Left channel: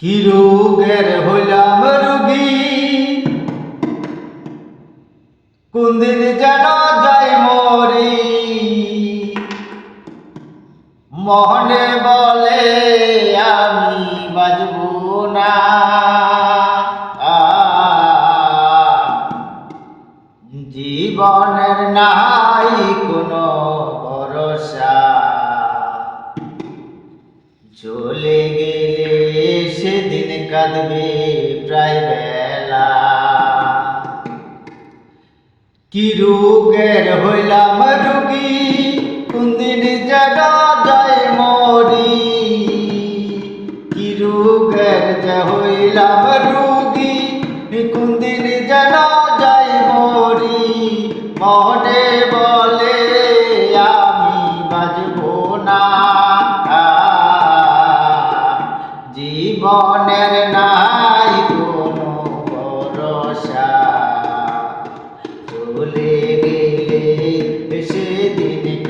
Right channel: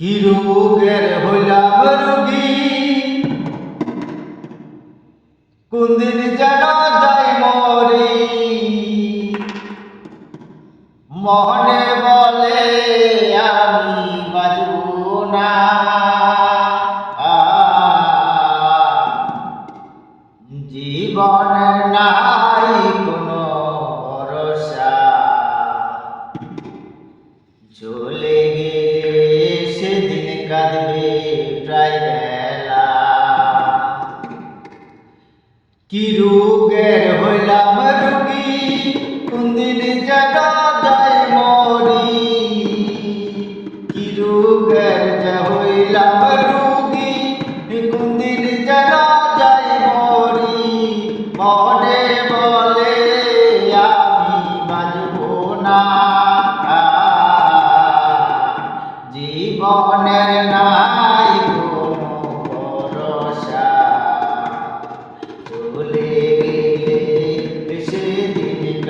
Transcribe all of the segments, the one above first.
কি রোগের হইলাম রুগী? কোনদিন যেন যাই মরি? মনে বলে, আমি বাজব না। জীবনের নাই কি রোগের হইলাম রুগী? কোনদিন যেন যায় মরি। কি রোগের যে হইলাম রুগী? কোনদিন যেন যায় মরি। মনে বলে আমি বাজব না। জীবনের নাই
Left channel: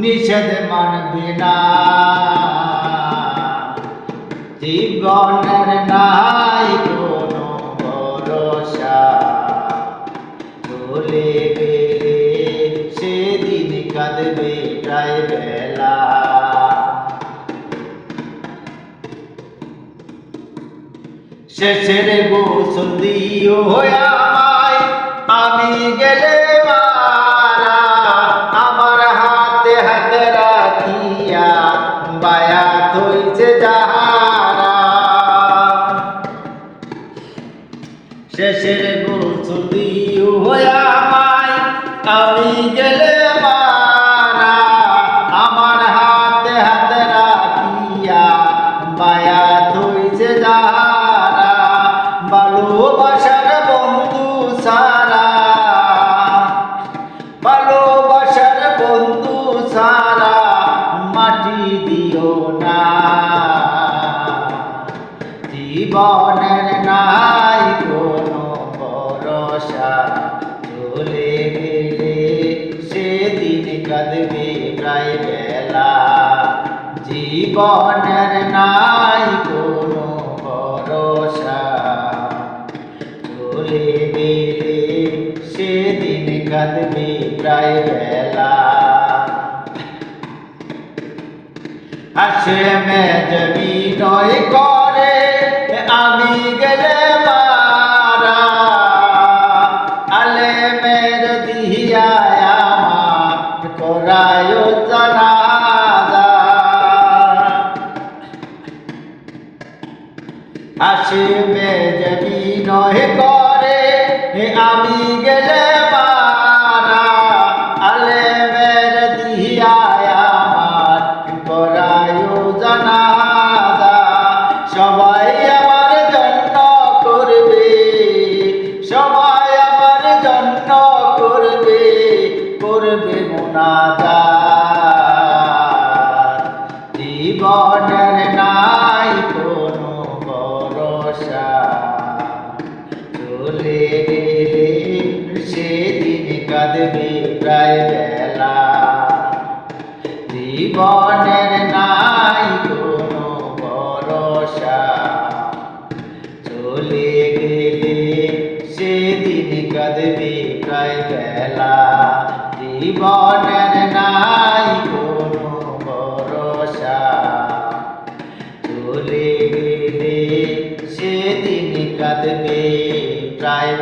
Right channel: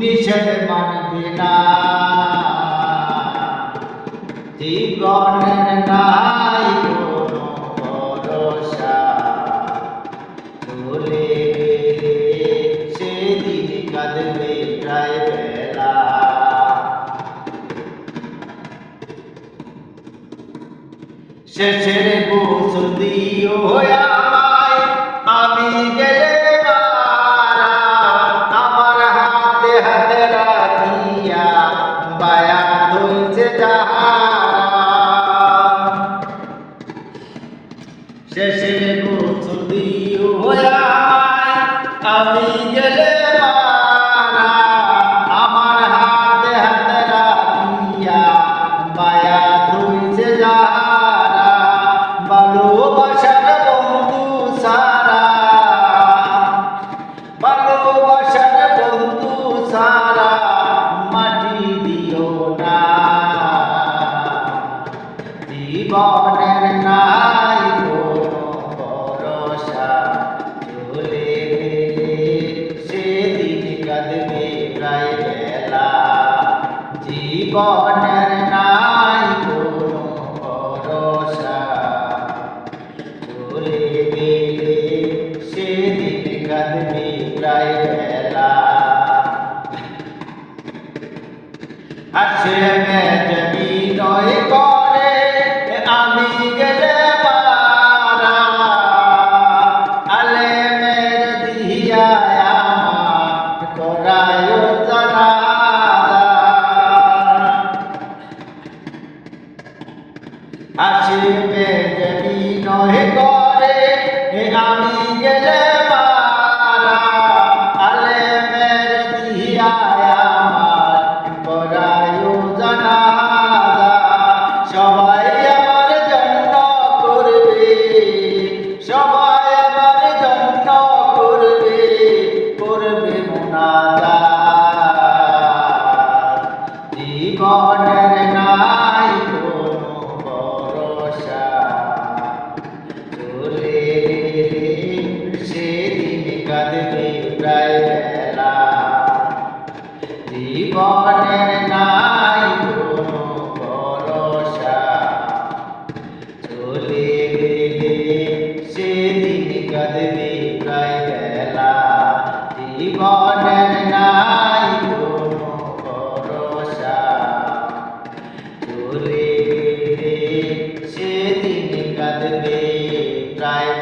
নিষেধ মানবে না। জীবনের নাই শেষের গোসল দিও। আমায় আমি গেলে মারা আমার শেষের গোসল দিও। আমায় আমি জীবনের নাই কোনো ভরসা চলে গেলে সেদিন কাঁদবে প্রায় বেলা জীবনের নাই কোনো ভরসা চলে গেলে সেদিন কাঁদবে প্রায় বেলা আসলে মেজবি নয় করে আমি আসবে যদি নহে করে আমি জীবনের নাই ভরসা। চলে গেলে সেদিন কাঁদবে প্রায় বেলা জীবনের নাই ভরসা। চলে গেলে দিন কাঁদবে প্রায়